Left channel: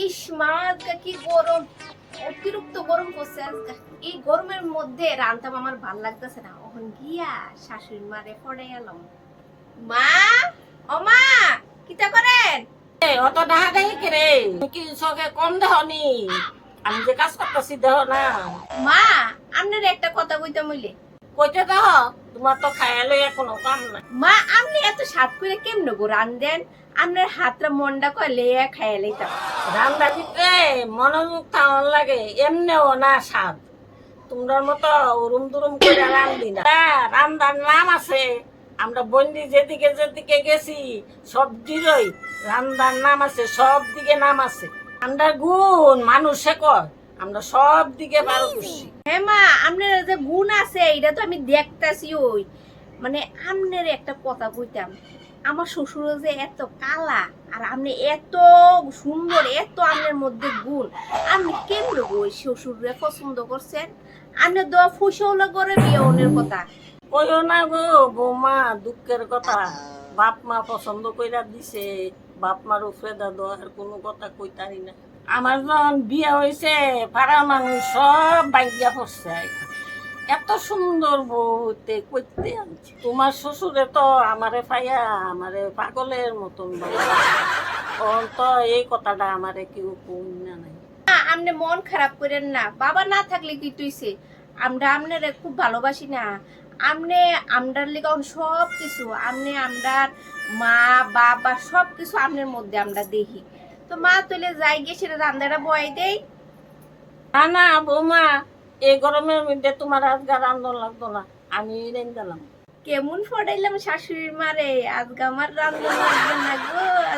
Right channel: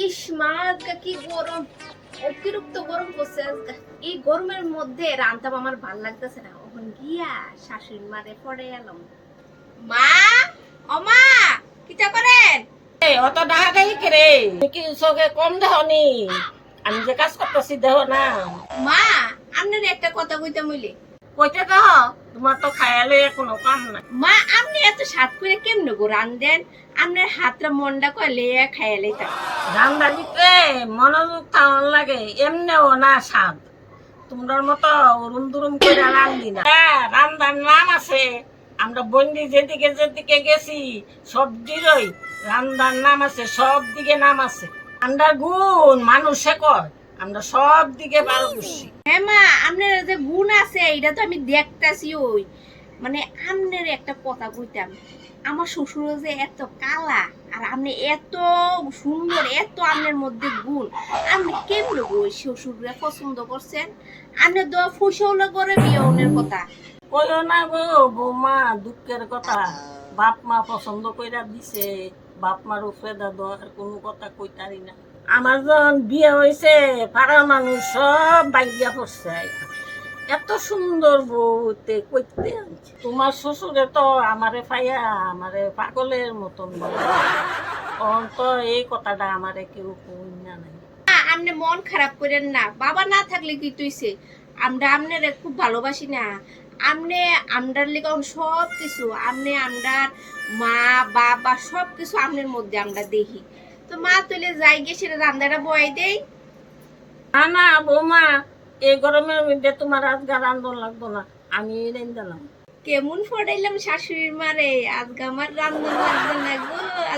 ইস মা, আজকে কি গরম! অতিরিক্ত গরম পড়ছে আজকে। এই গরমের মধ্যে রান্তাম আমার ভাল লাগতেছে না। এখন গিয়া শাশুড়ি মারে পড়ে এলাম। মা, ও মা, কিটা করেন? অত ডাহাডাহি করে কি চোখে কম দেহনি? আমি যে কাজ করতেছি দেহ না। মা, আপনার একটা কথা কইতে মইলে। কইতে দেহ, তোমার তো খায়ালে কোনো কাম নাই। মা, আপনি এত স্বাদ করে কেমনে গো রান্ধেন? আপনার হাতটা মন্ডা কইলে খাইয়া লইতাম। রান্না দিতে মনোযোগ থাকার লাগে, এমনিও না স্বাদ। তোমরা মতো উরুম দুরুম করে রান্ধি না। রান্নার নাম আছে। আমরা বন্দি যেদিকে যেদিকে গেছি সবদিরই রান্নার নাম আছে, সব দিকে নাম আছে। রান্নার গুণ মানুষে কয়, আমরা সব দিকে ভালো করছি। হ্যাঁ মা, আপনার যে গুণ আছে এটা তো আমি দেখতাছি। ওই মানে আপনার একটা কথা কইতাম, আমার শ্বশুর যে এত কালা আর আপনি এত সুন্দর, এত আপনার মধ্যে গুণ, আপনি কেমনে গো শ্বশুরে পছন্দ করছেন? আপনি তো ফুসৌলা করে বিয়ে কথা। কইও না গো বৌমা, দুঃখের কথা। বাপ মা পছন্দ কইরা দিছে, বাপ মার উপরে দাদু আর কোনো কথা কইতারি না। আমার যখন বিয়ে হয়েছে পাড়ার মানুষ সব বাইয়া পড়ছে। এত সুন্দর বউতে কইতে আনছে। তোমার শ্বশুরে তো আমারে পাইয়া আমারে পাগলের মতন বলে। তো এই কথাটা আমারে কেউ কই না নাই। আপনি মন খারাপ করেন না, বাবা না থাকলে কি তুইছে? আমরা আপনারে খুব ভালোবাসি না। আপনি আমরার লিগে সব কিছু, আপনি আমরার মা বাবা সব কিছু আপনার মধ্যে আমরা দেখি। তো মা তুলে যাই গিয়ে সেটা রান্নাটা বয়াই দেই। না না বৌমা, এই গরমের মধ্যে তোমার আজকে রান্ধন লাগতো না, আমি রেঞ্জালাম। কেমন ফটাইলাম শাশুড়ির মারে, আজকে আমার রান্না লাগবে না গো।